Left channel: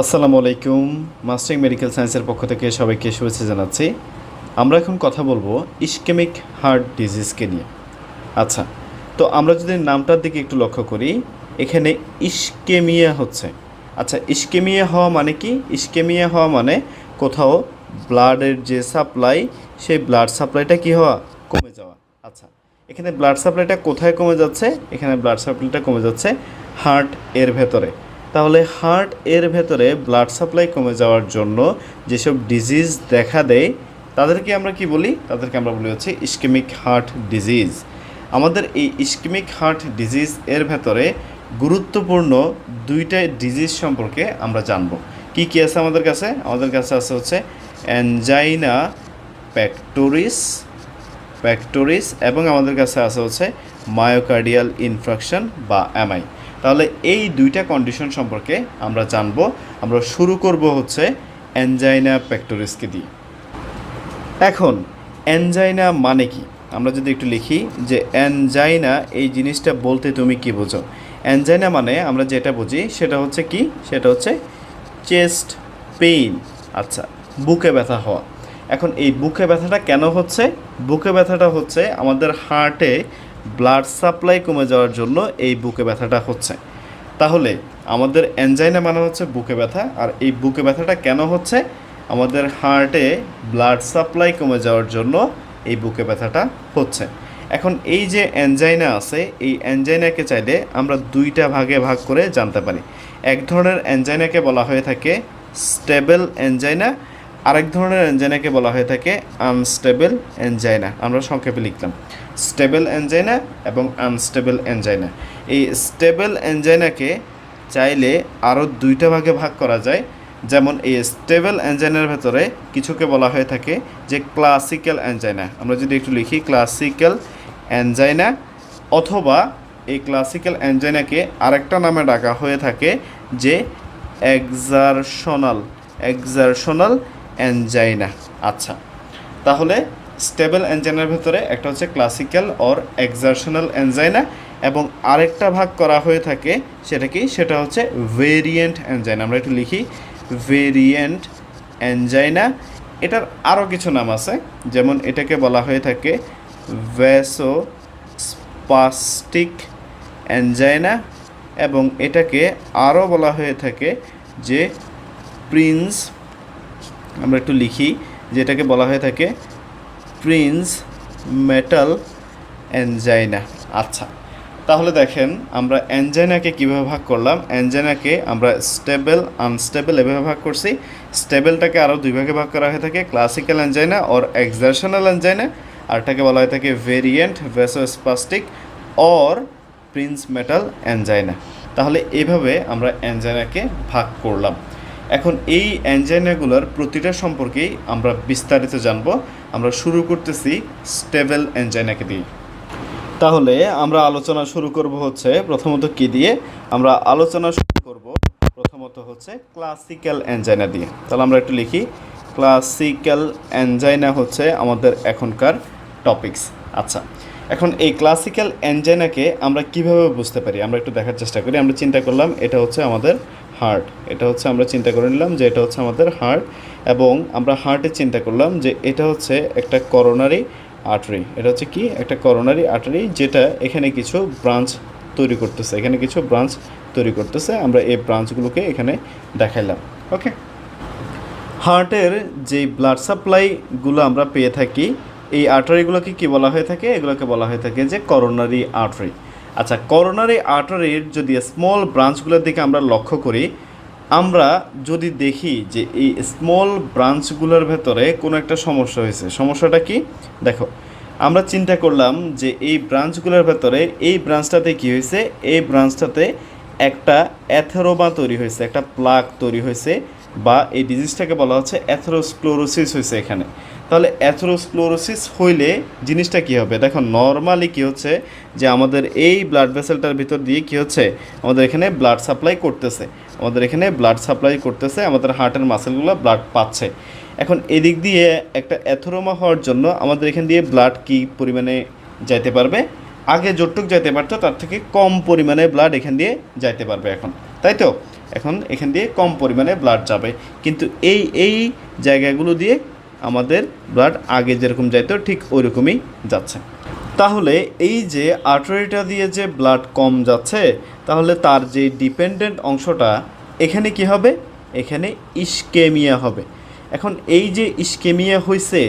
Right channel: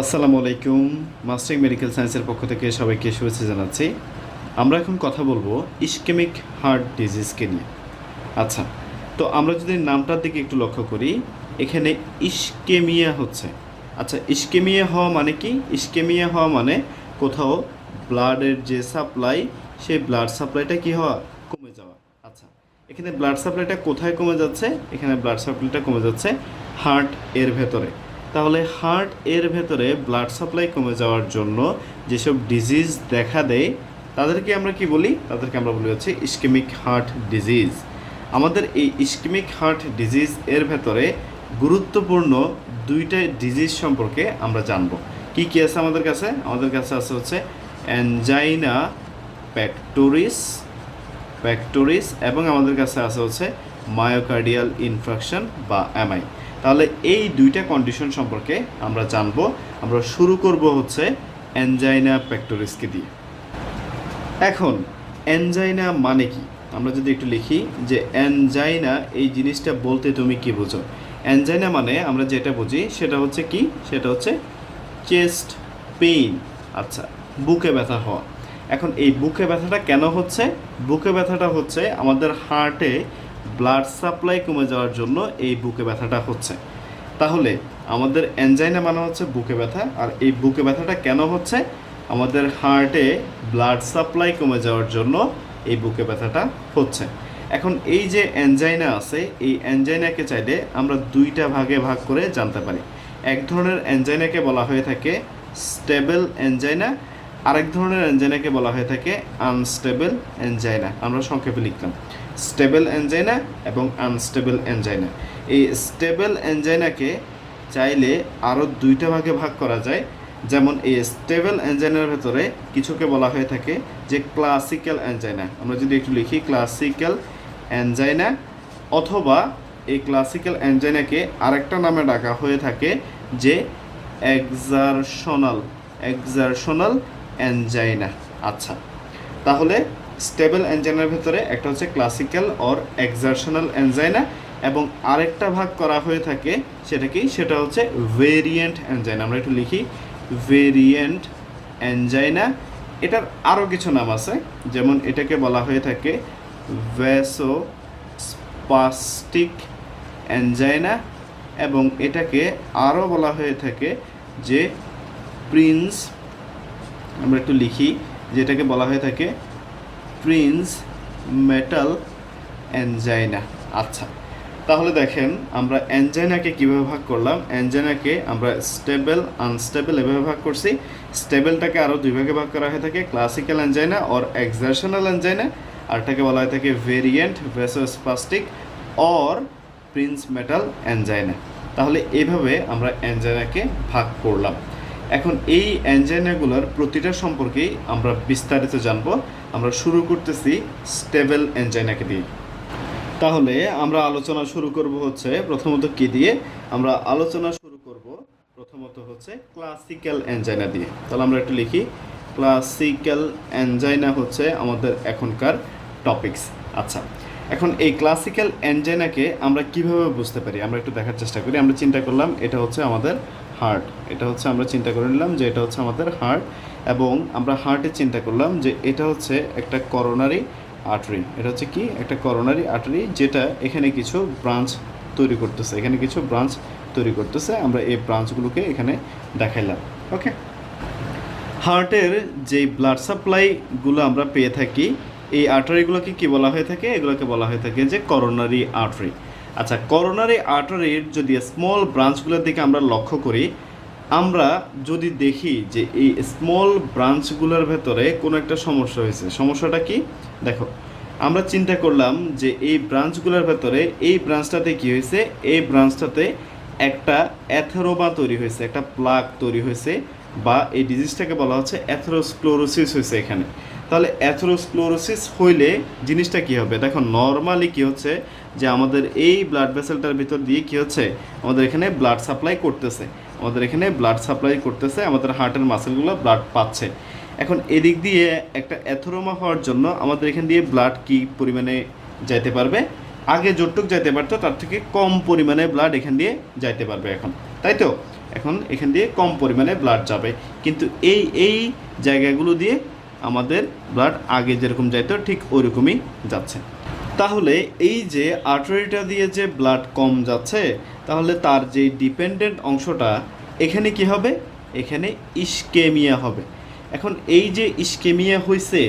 আসসালামু আলাইকুম mastering medical সায়েন্সের পক্ষ থেকে সবাইকে শুভেচ্ছা জানাচ্ছি। আমরা এখন কথা বলব ইস্কেমিক হার্ট ডিজিজকে নিয়ে। আচ্ছা তো আমরা যদি নামটার দিকে একটু লক্ষ্য করি, এখানে ইস্কেমিয়া হচ্ছে। আচ্ছা ইস্কেমিয়া হওয়া মানে কি? ইস্কেমিয়া হওয়া মানে কোথাও ব্লাডের যে সাপ্লাই, সেই ব্লাড সাপ্লাইটা কি হওয়া? কমে যাওয়া। আচ্ছা এখানে ব্লাড সাপ্লাইটা কোথায় কমে যাচ্ছে? এখানে ব্লাড সাপ্লাইটা কমে যাচ্ছে হার্ট এর ভেতরে। তাহলে হার্ট এর ভেতরে ব্লাড সাপ্লাই কমে যাওয়ার জন্য যেসব ডিজিজ দেখা দেয়, তাদেরকে আমরা কি বলি? তাদেরকে আমরা বলি হচ্ছে ইস্কেমিক হার্ট ডিজিজ। আমাদের এই ইস্কেমিক হার্ট ডিজিজ এর ভেতরে গুরুত্বপূর্ণ দুইটা ডিজিজ সম্পর্কে আমরা জানব। কি কি আছে আমাদের কাছে? আমাদের কাছে আছে হচ্ছে অ্যানজাইনা প্যাক্টোরিস প্যাক্টোরিস এবং আমাদের কাছে আছে হচ্ছে মায়োকার্ডিয়াল ইনফ্রাকশন বা এমআই তাহলে এই দুইটা কন্ডিশন সম্পর্কে আমরা জানব। আমরা শুরু করব হচ্ছে অ্যানজাইনা প্যাক্টোরিসকে দিয়ে। এখন অ্যানজাইনা মানে কি? আমরা যদি একটু লিখি যে অ্যানজাইনা এই জিনিসটা বলতে তুমি কি বোঝো? অ্যানজাইনা মানে আমরা যেটা বুঝি সেটা হচ্ছে কি? সেটা হচ্ছে চেস্ট পেইন আচ্ছা বুকে ব্যথা হওয়া। এখন এই বুকে ব্যথাটা কেন হচ্ছে? বুকে ব্যথাটা হচ্ছে আমাদের হার্টে ব্লাড সাপ্লাই কমে যাওয়ার জন্য এই বুকে ব্যথাটা হচ্ছে। তাহলে আমাদের অ্যানজাইনা মানে হচ্ছে বুকে ব্যথা, আর এই বুকে ব্যথাটা কেন হচ্ছে? আমাদের হার্টে ব্লাড সাপ্লাই কমে যাওয়ার জন্য এই বুকে ব্যথাটা হচ্ছে। এখন এই যে অ্যানজাইনা আছে, এই অ্যানজাইনাকে চাইলে আমরা দুইটা ভাগে ভাগ করে জানতে পারি। এক ধরনের অ্যানজাইনাকে বলা হয়ে থাকে স্টেবল অ্যানজাইনা আরেক ধরনের অ্যানজাইনাকে বলা হয়ে থাকে আনস্টেবল অ্যানজাইনা আমরা সংক্ষেপে লিখলাম। স্টেবল অ্যানজাইনা এবং আনস্টেবল অ্যানজাইনা এই স্টেবল অ্যানজাইনাকে চাইলে আরও দুইটা ভাগে ভাগ করা যায়। যেমন এই স্টেবল অ্যানজাইনার ভেতরে কিছুকে বলা হয়ে থাকে যে ক্লাসিক্যাল অ্যানজাইনা আমরা যদি একটু লিখি ক্লাসিক্যাল অ্যানজাইনা অথবা এই ক্লাসিক্যাল অ্যানজাইনাকে আরেকটা নামে ডাকা হয়ে থাকে যে এক্সারশনাল এক্সারশনাল অ্যানজাইনা আচ্ছা। তাহলে স্টেবল অ্যানজাইনার ভেতরে একটা হচ্ছে ক্লাসিক্যাল অর এক্সারশনাল অ্যানজাইনা এবং আরেকটা ভাগ করা হয়ে থাকে সেটা কি? সেটা হচ্ছে ভেরিয়েন্ট অ্যানজাইনা আমরা একটু লিখি, ভেরিয়েন্ট অ্যানজাইনা এটার আরও কিছু নাম আছে, যেমন এটাকে বলা হয়ে থাকে ভ্যাসো স্পাস্টিক অ্যানজাইনা এবং এটাকে আরও বলা হয়ে থাকে যে প্রিন্স আমরা একটু লিখি, যেটাকে বলা হয়ে থাকে প্রিন্স মেটাল অ্যানজাইনা আচ্ছা তাহলে দেখেন আমরা অ্যানজাইনাকে কীভাবে ভাগ করলাম? অ্যানজাইনাকে আমরা স্টেবল, আনস্টেবল এভাবে ভাগ করছি। স্টেবলটাকে আরও দুই ভাগে ভাগ করা হয়ে থাকে, classical angina or exertional angina আরটাকে বলা হয়ে থাকে variant vasospastic or Prinzmetal angina তাহলে এভাবে আমরা অ্যানজাইনাকে ভাগ করলাম। এখন এই অ্যানজাইনাগুলোর প্রতিটা সম্পর্কেই আমরা বিস্তারিত জানব। আমরা শুরু করতেছি স্টেবল অ্যানজাইনাকে দিয়ে তাহলে আমরা আলোচনা শুরু করব হচ্ছে প্রথমত কি দিয়ে? আমরা আলোচনা শুরু করব প্রথমত হচ্ছে ক্লাসিক্যাল অ্যানজাইনা দিয়ে। তাহলে আমরা একটু লিখি। ক্লাসিক্যাল অ্যানজাইনা হচ্ছে আমাদের এখনকার টপিকস আচ্ছা এখন এই ক্লাসিক্যাল অ্যানজাইনাকে আমরা কীভাবে বুঝতে পারি? আমরা একটু দেখার চেষ্টা করি। আমরা চিন্তা করলাম এটা হচ্ছে আমাদের হার্ট এটা হচ্ছে আমরা চিন্তা করে নিলাম যে এটা হচ্ছে আমাদের হার্ট এবং আমরা হার্টে চিন্তা করলাম যে এটা হচ্ছে একটা করোনারি আর্টারি এটা হচ্ছে কি? একটা করোনারি আর্টারি যেটা এখানে কিছু ব্রাঞ্চ তৈরি করতেছে। এখানে কিছু ব্রাঞ্চ তৈরি করতেছে। আমরা এই ব্রাঞ্চগুলোকে এখানে দেখাইলাম। ওকে হার্টের যে ব্লাড সাপ্লাইগুলো আমরা পেয়ে থাকি, এই আর্টারিগুলোকে কি বলা হয়ে থাকে? এগুলোকে বলা হয়ে থাকে যে করোনারি আর্টারি আচ্ছা করোনারি আর্টারির যদি স্মল ব্রাঞ্চগুলোর দিকে আমরা লক্ষ্য করি, আমরা যদি দেখি যে এই স্মল ব্রাঞ্চগুলোর ভেতরে কোনো একটা সমস্যা হয়েছে। সমস্যাটা কি? দেখো, আমরা চিন্তা করলাম যে এই ব্রাঞ্চগুলোর ভেতরে এই ব্রাঞ্চটাতে কি হয়েছে? এই ব্রাঞ্চটাতে একটা অ্যাথেরোমা তৈরি হয়েছে, একটা প্লাক তৈরি হয়েছে বা এই ডিজিজটাকে বলা হচ্ছে অ্যাথেরোস্ক্লোরোসিস হয়েছে এখানে। তাহলে অ্যাথেরোস্ক্লোরোসিস হইলে জিনিসটা কি হবে? দেখো নর্মালি কি হচ্ছে যে আমাদের এই ব্লাড ভেসেলটার ভিতর দিয়ে কি হচ্ছে? আমাদের এখানে ব্লাড সাপ্লাই করতেছে। আমাদের এখানে ব্লাড সাপ্লাই করতেছে, আমাদের হার্টের মাসেলগুলো ব্লাড পাচ্ছে। এখন এদিক দিয়ে একটা অ্যাথোরোমা হওয়ার জন্য আমাদের এখান দিয়ে ব্লাড কি পরিমাণে যাইতে পারবে? আগে যতটুক যাইতে পারতো, তার থেকে কম পরিমাণে ব্লাড এখান দিয়ে যাইতে পারবে এখন। তাই তো? এখন এখান দিয়ে কম পরিমাণে ব্লাড যাবে। কিন্তু এই এই জায়গাগুলো দিয়ে আমাদের ব্লাড আগে যেরকম যাইতো, ঠিক ওই রকমই যাচ্ছে। তাহলে এই যে আর্টারিটা দিয়ে যে ব্লাড কম যাচ্ছে, তাহলে তার যে ডিপেন্ডেন্ট অংশটা, এখানে কি হবে? এখানে ইস্কেমিয়া হবে। এখন এই যে ইস্কেমিয়া হয়েছে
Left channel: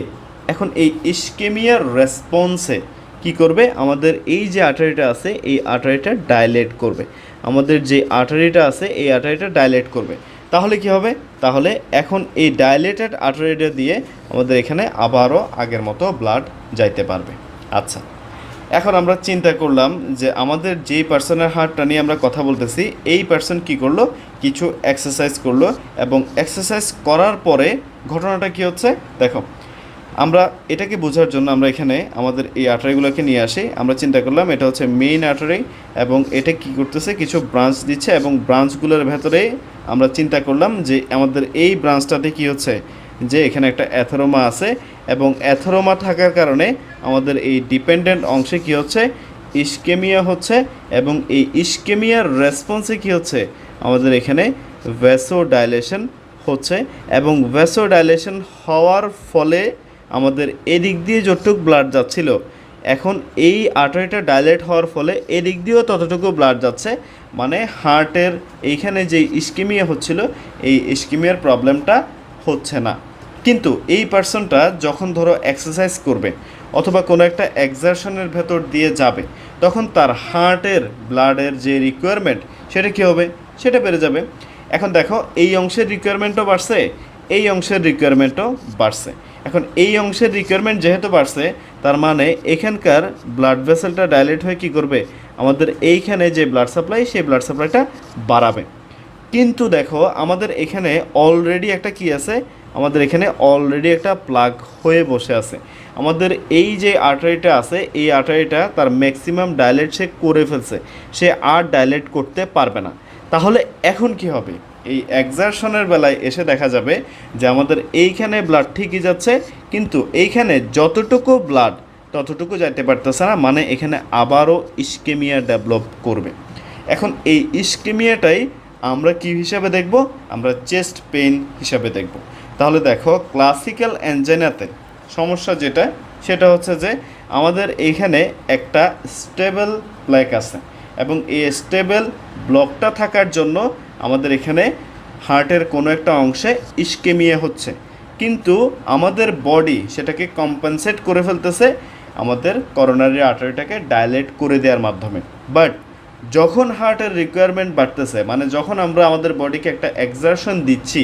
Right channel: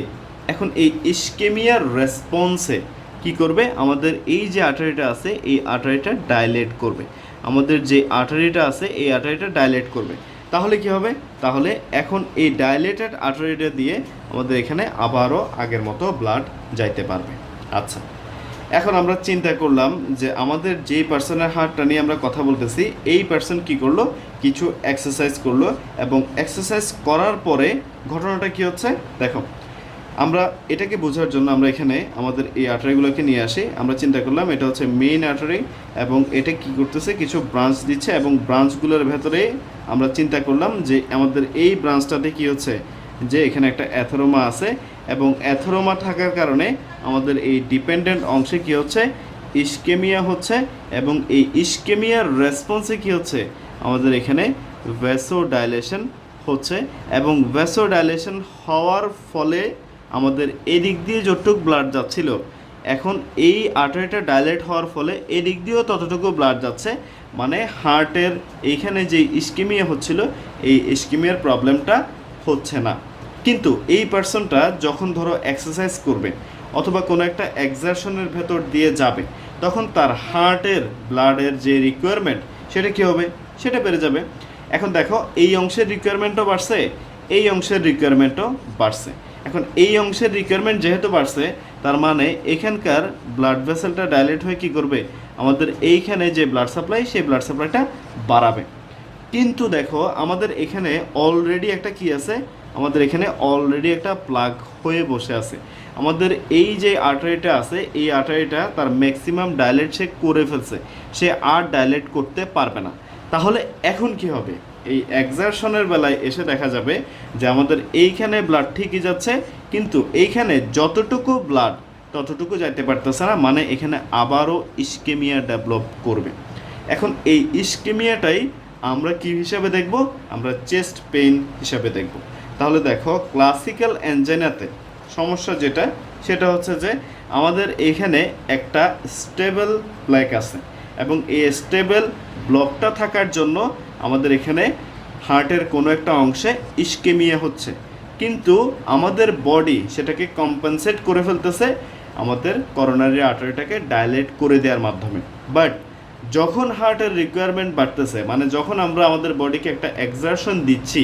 এখন এই ইস্কেমিয়ার রেসপন্সে কি করবে? আমাদের এই যে আর্টারিটা আছে, এই আর্টারিটা ডাইলেট করবে। আমাদের যে আর্টারিটা আছে, এই আর্টারিটা ডাইলেট করবে। তাহলে কি হবে? তাহলে এখন এই ডাইলেটেড আর্টারিটা দিয়ে আমাদের এখানে আবারও আগের মতো ব্লাড যাইতে পারবে। আচ্ছা এখন আমরা চিন্তা করলাম যে আমাদের যেই পার্সনের হার্টটা নিয়ে আমরা কথা বলতেছি, এই পার্সন কি করল? কিছু এক্সারসাইজ করল এবং এক্সারসাইজ করার পরে ঘটনাটা কি হচ্ছে? দেখো, আমরা এটাকে বোঝার জন্য আমরা এখানে আমাদের এই আর্টারিগুলোকে নিয়ে আসি। আমরা চিন্তা করলাম এটা হচ্ছে মেইন আর্টারি এবং এটা কি করতেছে? কিছু ব্রাঞ্চ দিচ্ছে এবং ব্রাঞ্চগুলোর ভেতরে আমরা চিন্তা করলাম যে আমাদের এই ব্রাঞ্চটাতে কি হচ্ছে? যে এখানে একটা অ্যাথোরোমা আছে এবং অ্যাথোরোমা থাকার কারণে আমাদের এই ডিপেন্ডেন্ট অংশে কি হচ্ছে? ইস্কেমিয়া হচ্ছে এবং এই ইস্কেমিয়ার রেসপন্সে কি হচ্ছে? আমাদের এখানে ভ্যাসো ডাইলেশন হচ্ছে এবং ভ্যাসো ডাইলেশন হওয়ার ফলে আমাদের এদিক দিয়ে যতটুক ব্লাড যাচ্ছিল এখন এই আর্টারিটা ডাইলেট হওয়ার ফলে এদিক দিয়েও ততটুকু ব্লাড যাচ্ছে। মানে হার্টের এইখানে যে ইস্কিমিয়া হচ্ছিল, এই ইস্কিমিয়ার প্রবলেমটা হচ্ছে না। কিন্তু এই পার্সনটা যখন ধরো এক্সারসাইজ করবে অথবা কোনো একটা এক্সারশনের ভেতর দিয়ে যাবে, তখন তার হার্টের ব্লাডের যে রিকোয়ারমেন্ট সেটা কী হবে? সেটা বেড়ে যাবে। এখন দেখো, এই অংশের রিকোয়ারমেন্টও বাড়ছে, এই অংশের রিকোয়ারমেন্টও বাড়ছে। এখন এই অংশের রিকোয়ারমেন্ট যেহেতু বাড়ছে তার মানে এখানকার ব্লাড ভেসেলটা ডাইলেট হয়ে কী করবে? আমাদের এইখানে যে ব্লাড সাপ্লাই সেই ব্লাড সাপ্লাইটা বাড়াবে। কিন্তু দেখো, আমাদের এখানে অলরেডি একটা কি আছে? আমাদের এখানে অলরেডি একটা প্লাগ হয়ে বসে আছে। আমাদের এই যে আর্টারিটা আছে, এই আর্টারিটা তার ম্যাক্সিমাম ডাইলেট সে করে ফেলছে। সে আর ডাইলেট করতে পারবে না। তাহলে এখন কি হবে? এই এক্সারশনের বেলায় এসে দেখা যাবে যে আমাদের এইখানে ব্লাড ঠিকই যাচ্ছে, কিন্তু এইখানে যতটুকু ব্লাড ততটুকু যাইতে পারতেছে না মানে এখানে আবারও ইস্কেমিয়া ডেভেলপ করবে। এখন এই ইস্কেমিয়াটাই আমরা কি হিসাবে দেখব? আমরা চেস্ট পেইন হিসাবে দেখব। তাহলে দেখো ক্লাসিক্যাল অ্যাঞ্জেনাতে সমস্যা যেটা, সেটা হচ্ছে যে আমাদের এইখানে একটা স্টেবল প্লেক আছে এবং এই স্টেবল ব্লকটা থাকার জন্য আমাদের এখানে হার্টের কোনো একটা অংশে ইস্কেমিয়া হচ্ছে। কিন্তু আমাদের বডি সেটাকে কম্পেনসেট করে ফেলতেছে আমাদের করোনারি আর্টারিটাকে ডাইলেট করে দেওয়ার মাধ্যমে। বাট যখন হার্টের রিকোয়ারমেন্ট বাড়তেছে মানে যখন আমরা আমাদের বডিকে একটা এক্সারশন দিচ্ছি,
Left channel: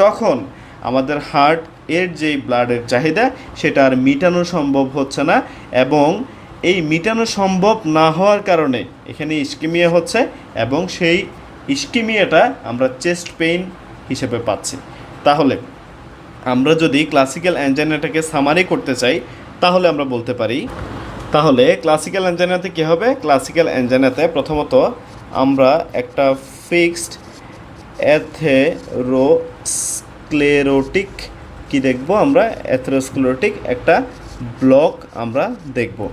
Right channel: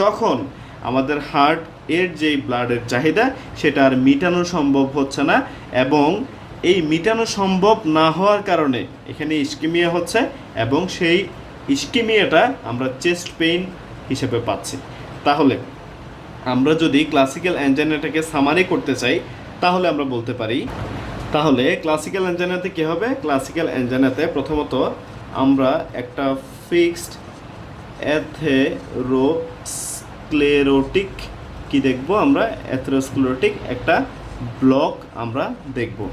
তখন আমাদের হার্ট এর যে ব্লাডের চাহিদা সেটা আর মিটানো সম্ভব হচ্ছে না এবং এই মিটানো সম্ভব না হওয়ার কারণে এখানে ইস্কিমিয়া হচ্ছে এবং সেই ইস্কিমিয়াটা আমরা চেস্ট পেইন হিসেবে পাচ্ছি। তাহলে, আমরা যদি ক্লাসিক্যাল অ্যাঞ্জাইনাটাকে সামারি করতে চাই, তাহলে আমরা বলতে পারি, তাহলে ক্লাসিক্যাল অ্যাঞ্জাইনাতে কী হবে? ক্লাসিক্যাল অ্যাঞ্জাইনাতে প্রথমত আমরা একটা ফিক্সড অ্যাথেরোস্ক্লেরোটিক কি দেখব আমরা? অ্যাথেরোস্ক্লেরোটিক একটা ব্লক আমরা দেখব।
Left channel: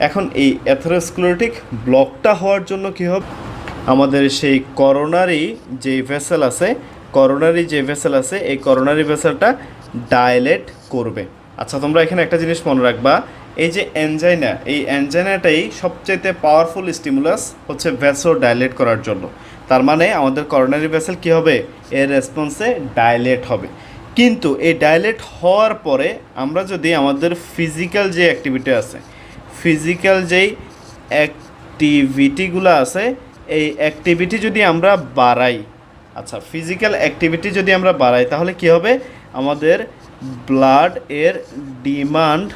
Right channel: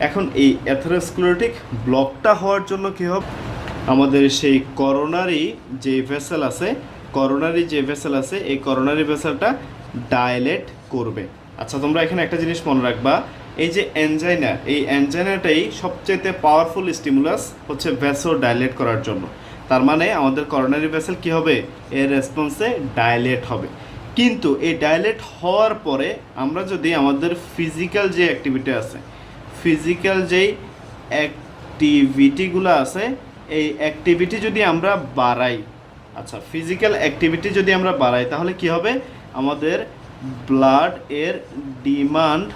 এখন এই অ্যাথেরোস্ক্লেরোটিক ব্লকটা হওয়ার জন্য কী হবে? আমাদের সেই করোনারি যে ভেসেল আছে করোনারি যে ভেসেল আছে, এই করোনারি ভেসেলটা ডাইলেট করবে। আচ্ছা তোমরা এখানে একটা জিনিস মনে রাখবা, এই যে অ্যানজাইনা এই অ্যানজাইনাটাই সবচেয়ে পাওয়ারফুল স্টিমুলাস হচ্ছে ভেসো ডাইলেট করার জন্য। তার মানে আমাদের করোনারি ভেসেল কী হবে? এর রেসপন্সে ডাইলেট হবে। কিন্তু এই ডাইলেট হওয়ার পরে আমরা যদি আমাদের ফিজিক্যাল যে অ্যাক্টিভিটি আছে ফিজিক্যাল যেই অ্যাক্টিভিটিগুলো আছে এই অ্যাক্টিভিটি যদি আমরা বাড়াই আচ্ছা ফিজিক্যাল অ্যাক্টিভিটি যদি আমরা বাড়াই, তাহলে কি হবে? আমাদের ব্লাড এর ডিমান্ড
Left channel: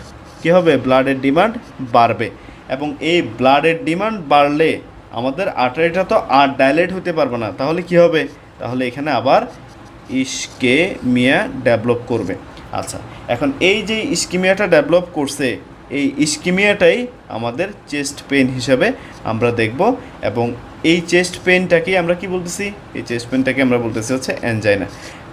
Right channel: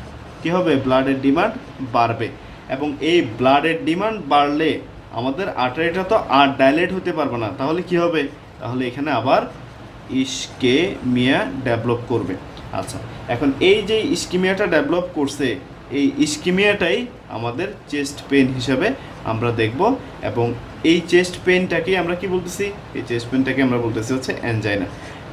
কি হবে? ব্লাডের ডিমান্ড বাড়বে। এবং এই ব্লাডের ডিমান্ড বাড়লে আমাদের আর্টারিটা তো আর ডাইলেট হতে পারবে না। তাহলে কি হবে? তাহলে এখানে আবার ইস্কেমিয়া ডেভেলপ করবে। আচ্ছা এখন এই যে ইস্কিমিয়াটা ডেভেলপ করছে, এই ইস্কিমিয়াটাই আমাদের চেস্ট পেন হিসাবে আমরা দেখব। এবং এই চেস্ট পেনটাকেই আমরা কি বলতেছি? এই চেস্ট পেনটাকে আমরা বলতেছি হচ্ছে অ্যানজাইনা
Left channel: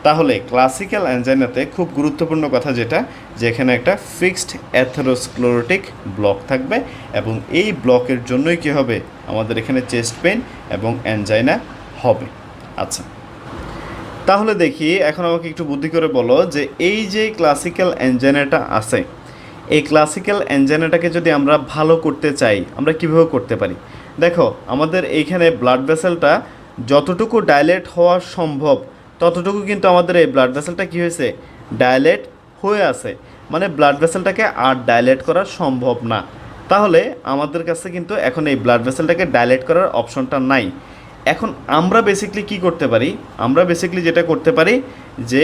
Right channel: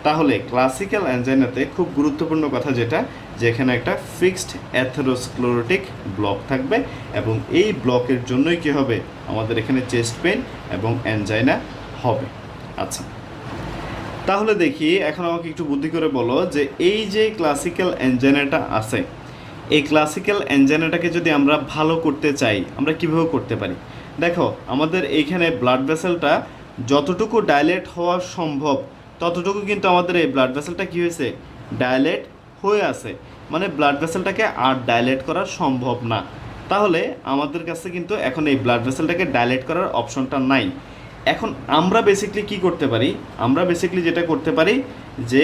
তাহলে ক্লাসিক্যাল অ্যানজাইনাতে খুব গুরুত্বপূর্ণ কথা যেটা যে এখানে একটা ফিক্সড অ্যাথেরোস্ক্লোরোটিক ব্লক থাকবে এবং এই ব্লকের জন্যই কি হবে? আমাদের এখানে চেস্ট পেন এবং অ্যানজাইনা হবে। আচ্ছা। তাহলে দেখি, এখন আমাকে একটু বুদ্ধি করে বলো যে এই যে ক্লাসিক্যাল অ্যাঞ্জাইনাটা আছে, এই ক্লাসিক্যাল অ্যাঞ্জাইনাটাকে যদি আমরা ভালো করতে চাই, আমরা কীভাবে করতে পারি? দেখো, আমাদের এইখানে ব্লাড ভেসেলটা যতটুকু ডাইলেট হওয়া সম্ভব, ততটুকু কিন্তু আমাদের এই ব্লাড ভেসেলটা কী হয়েছে? ডাইলেট হয়ে আছে। মানে ব্লাড ভেসেলটাকে আর ডাইলেট করা সম্ভব না। তাহলে আমাদের কাছে কিন্তু এখন এই ব্লাড ভেসেলটাকে ডাইলেট করার অপশনটা নাই। এখন আমরা বেসিকলি কি করতে পারি? আমরা বেসিকলি যেটা করতে পারি যে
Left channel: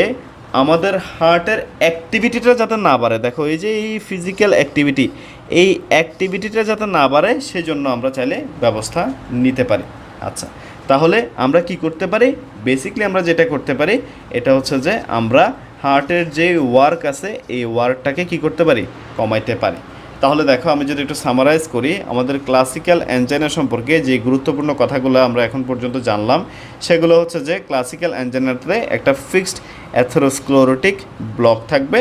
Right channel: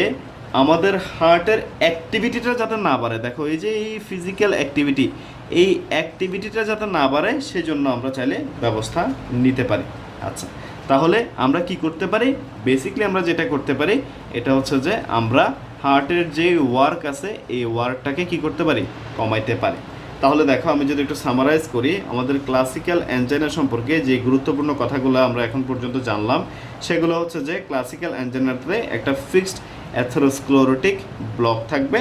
আমাদের হার্টের অ্যাক্টিভিটিটা যাতে না বাড়ে। দেখো, এই যে এই ফিজিক্যাল অ্যাক্টিভিটি এই অ্যাক্টিভিটিটা যাতে না বাড়ে, সেজন্য আমরা চাইলে ব্যবস্থা নিতে পারি। আচ্ছা তাহলে আমরা কি করতে পারি? বেসিকলি আমরা যেটা করতে পারি, এটা হচ্ছে যে আমরা হার্টের যে ওয়ার্ক আছে, এই ওয়ার্কটাকে কি করতে পারি? কমাইতে পারি। তাহলে দেখো, আমি যদি একটু সামারাইজ করি, আমাদের ক্লাসিক্যাল অ্যাঞ্জাইনা সম্পর্কে যে গুরুত্বপূর্ণ কথাগুলো আমরা এখন পর্যন্ত জানলাম, সেগুলো হচ্ছে যে ক্লাসিক্যাল অ্যাঞ্জাইনাতে একটা ফিক্সড অ্যাথেরোস্ক্লোরোটিক ব্লক থাকবে।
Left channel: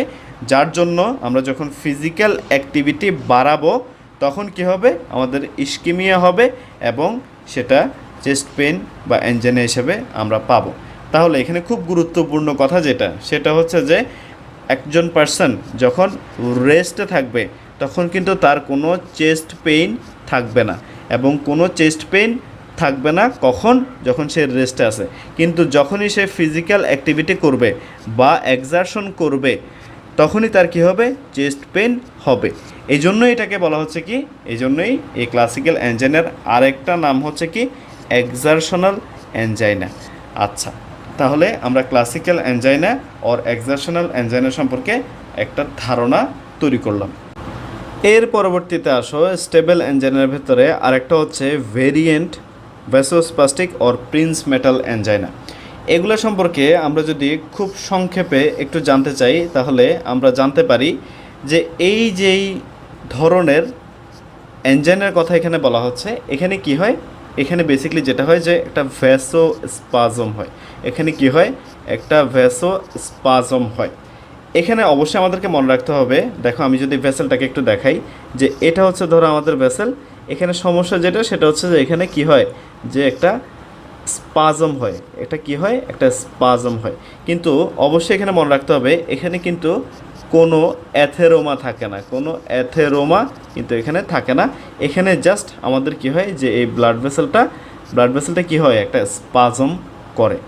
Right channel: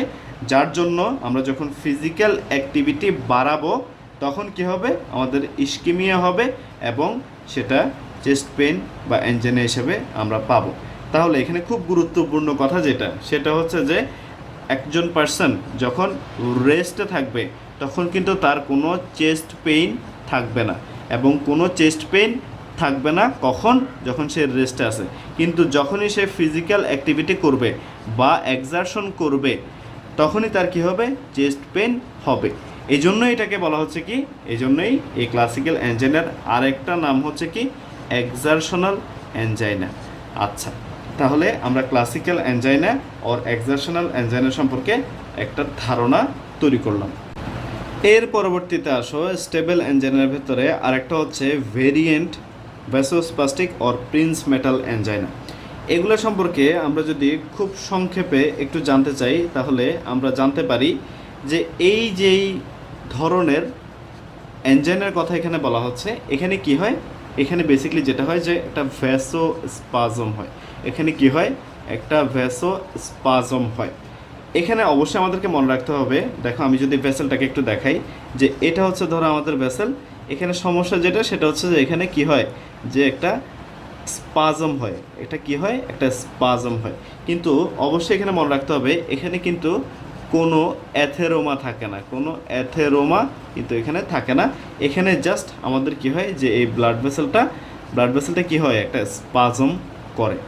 যার জন্য আমরা যখন ফিজিক্যাল অ্যাক্টিভিটি বাড়াবো, তখন কি হবে? আমাদের ইস্কিমিয়া হবে এবং সেটা চেস্ট পেন বা অ্যাঞ্জাইনা হিসেবে আমরা পাবো। তাহলে এখানে খুব গুরুত্বপূর্ণ কথা যেটা, সেটা হচ্ছে যে একজন পার্সন যখন রেস্টে থাকবে, তখন কিন্তু তার কোনো চেস্ট পেইন থাকবে না এবং কোনো চেস্ট পেইন থাকবে না কখন? যখন সে রেস্টে আছে। কিন্তু যখনই সে ফিজিক্যাল অ্যাক্টিভিটি করবে বা এক্সারশন করবে তখনই তার কি হবে? চেস্ট পেন হবে। এই জন্যই এটাকে বলা হচ্ছে কি? এই জন্যই এই ক্লাসিক্যাল অ্যাঞ্জাইনার আরেকটা নাম হচ্ছে কি? এক্সারশনাল অ্যাঞ্জাইনা আচ্ছা তাহলে আমরা classical angina or exertional angina সম্পর্কে একটা ধারণা তৈরি করলাম। এর পরবর্তীতে আসো স্টেবল অ্যাঞ্জাইনার ভেতরে আরেকটা হচ্ছে variant vasospastic or Prinzmetal angina এগুলো সম্পর্কে আমরা যদি খুব সংক্ষেপে একটু জানতে চাই, তাহলে আমরা জানতে পারি যে এই যেই ধরনের অ্যাঞ্জাইনার কথা এখানে বলা হচ্ছে, এখানে কি হয়? এখানে বেসিক্যালি যেটা হয় যে একটা ভ্যাসো স্পাজম হয়। এখানে কি হয়? একটা ভ্যাসো স্পাজম হয়। এখানে অবশ্যই আমাদেরকে মনে রাখতে হবে, দেখো আমি যদি ভেসেলটাকে একটু দেখাই, যে এটা হচ্ছে ধরো আমাদের ভেসেল এখানে সমস্যা যেটা, সেটা হচ্ছে যে এখানে কি হয়? যে একটা স্পাজম হয়। এটা কি হয়? একটা স্পাজম হয়। কিন্তু অবশ্যই এখানে মনে রাখতে হবে, এখানে কিন্তু কোনো অ্যাথেরোমা থাকে না। কোনো অ্যাথেরোমা কিন্তু এখানে থাকে না। এখানে জাস্ট আমাদের কি হয় যে এই ব্লাড ভেসেলটা ব্লাড ভেসেলটা কি হয়? একটা স্পাজম করে।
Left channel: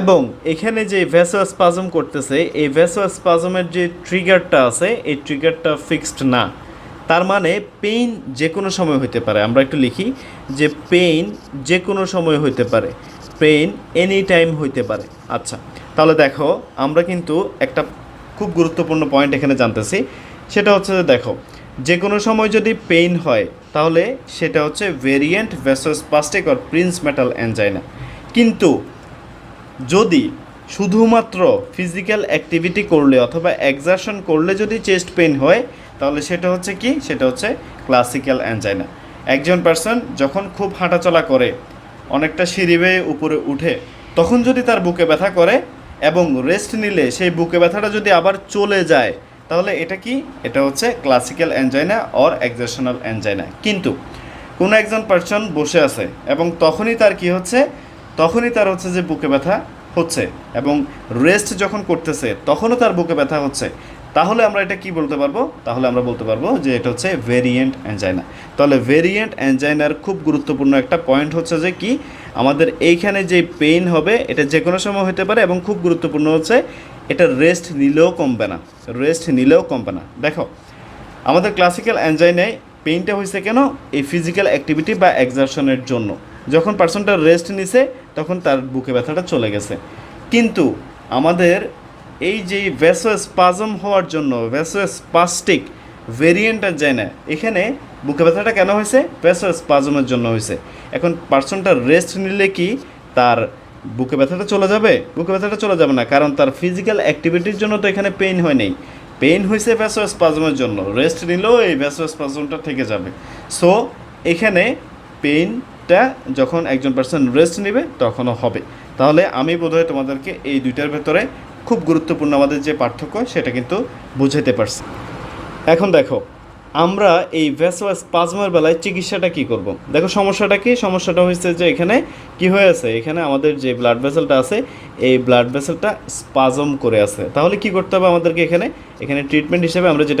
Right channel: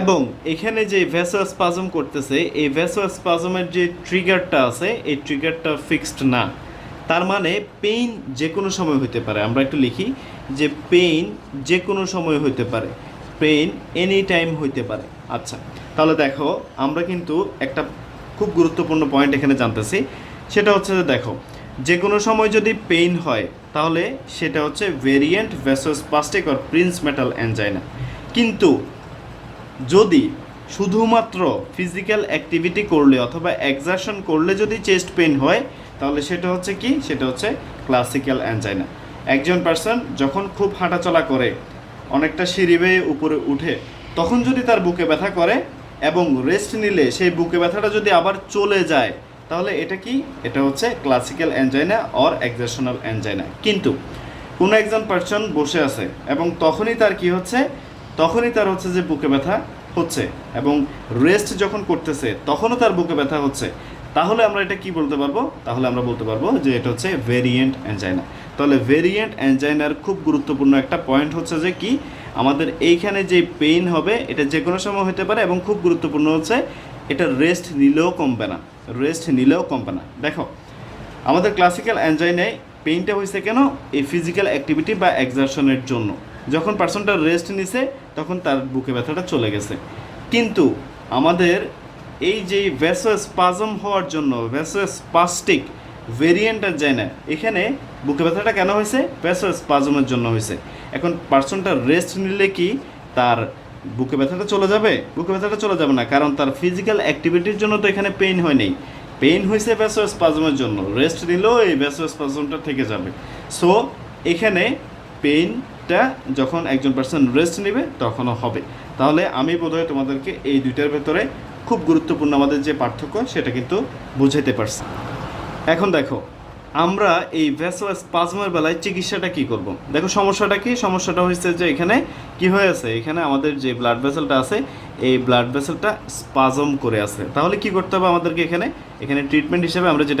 এবং এখানে যে ভ্যাসো স্পাজম করতেছে, এই ভ্যাসো স্পাজমের যে ট্রিগারটা আছে, এই ট্রিগারটা ফিক্সড না। তার মানে পেইন যে কোনো সময় হইতে পারে। আমরা একটু লিখি যে পেইন যে কোনো সময় হইতে পারে। পেইন এনি টাইম হইতে পারে। আচ্ছা তাহলে দেখো, আমরা কিন্তু একটা খুব গুরুত্বপূর্ণ পয়েন্ট এখানে জানতেছি। সেটা হচ্ছে যে দেখো যে কোনো সময় যদি পেইন হয়, তাহলে সেটা হচ্ছে variant vasospastic or Prinzmetal angina কিন্তু যদি শুধুমাত্র ফিজিক্যাল অ্যাক্টিভিটি করলে অথবা এক্সারশন করলে যদি চেস্ট পেইন হয় তাহলে সেটা হচ্ছে কি? সেটা হচ্ছে ক্লাসিক্যাল অ্যাঞ্জাইনা একজন পার্সন যখন খুব হাঁটাচলা করে, অনেকটা সিঁড়ি বেয়ে উপরে উঠে, তখন যদি তার বুকে ব্যথা করে এবং রেস্ট নিলে সেই বুকে ব্যথাটা যদি আবার চলে যায়, তাহলে এটা কি? এটা হচ্ছে classical angina or exertional angina কিন্তু কোনো একজন পার্সন বসে আছে এবং তখনই তার কি হচ্ছে? তখনই তার হচ্ছে যে বুকে ব্যথা হচ্ছে এবং রেস্ট যখন করতেছে, তখনও তার বুকে ব্যথা হচ্ছে। তাহলে আমরা এটা কি বলতে পারব? তাহলে আমরা বলতে পারব যে এটা হচ্ছে ভেরিয়েন্ট অ্যাঞ্জাইনা তাহলে ভেরিয়েন্ট অ্যাঞ্জাইনার খুব গুরুত্বপূর্ণ একটা পয়েন্ট হচ্ছে যে কি? আমাদের এইখানে যে পেইন হবে, এটা যে কোনো সময় হতে পারে এবং খুব গুরুত্বপূর্ণ হচ্ছে, এটা রেস্ট নিলেও কমবে না। রেস্ট নিলেও কমবে না। দেখো, আমাদের ক্লাসিক্যাল অ্যাঞ্জাইনায় পেইনটা হয়েছে কেন? এই ফিজিক্যাল অ্যাক্টিভিটি বা এক্সারশনের জন্য। যখন পার্সনটা রেস্ট নিছে, তখন তার বুকে ব্যথাটা চলে গেছে। কিন্তু আমাদের এই যে ভ্যাসো স্পাজম হওয়ার জন্য ভ্যাসো স্পাস্টিক ভেরিয়েন্টের যায় না এখানে বুকে ব্যথাটা কেন হয়েছে? ভ্যাসো স্পাজমের জন্য হয়েছে। এখন পার্সনটা রেস্ট নিলে কি তার বুকে ব্যথাটা চলে যাবে? বুকে ব্যথাটা চলে যাবে না, কারণ তার ফিজিক্যাল অ্যাক্টিভিটির জন্য তো এখানে পেইন হয় নাই। পেইন হয়েছে ভ্যাসো স্পাজমের জন্য, রেস্ট নিলেও এই ভ্যাসো স্পাজমটা থেকে যাবে। সো, এখানে পেইনটা যখন একজন পার্সন রেস্ট নেবে, তখনও হবে। তাহলে আমি বোধহয় তোমাদেরকে এই দুইটার ভেতরে খুব গুরুত্বপূর্ণ আমাদের যে পার্থক্য, সেটা কিন্তু বুঝাতে পারছি। এখন দেখো, আমরা এই ভ্যাসোয়াস পাজমার বেলায় চিকিৎসাটা কি করব? দেখো সমস্যাটা কি? সমস্যাটা হয়েছে যে এখানে কি হয়ে আছে? এখানে আমাদের যে ব্লাড ভেসেলটা আছে, এই ব্লাড ভেসেলটা স্পাজম করে আছে। তাহলে কি করতে হবে আমাদেরকে এখানে? এখানে ট্রিটমেন্ট হিসেবে আমরা যেটা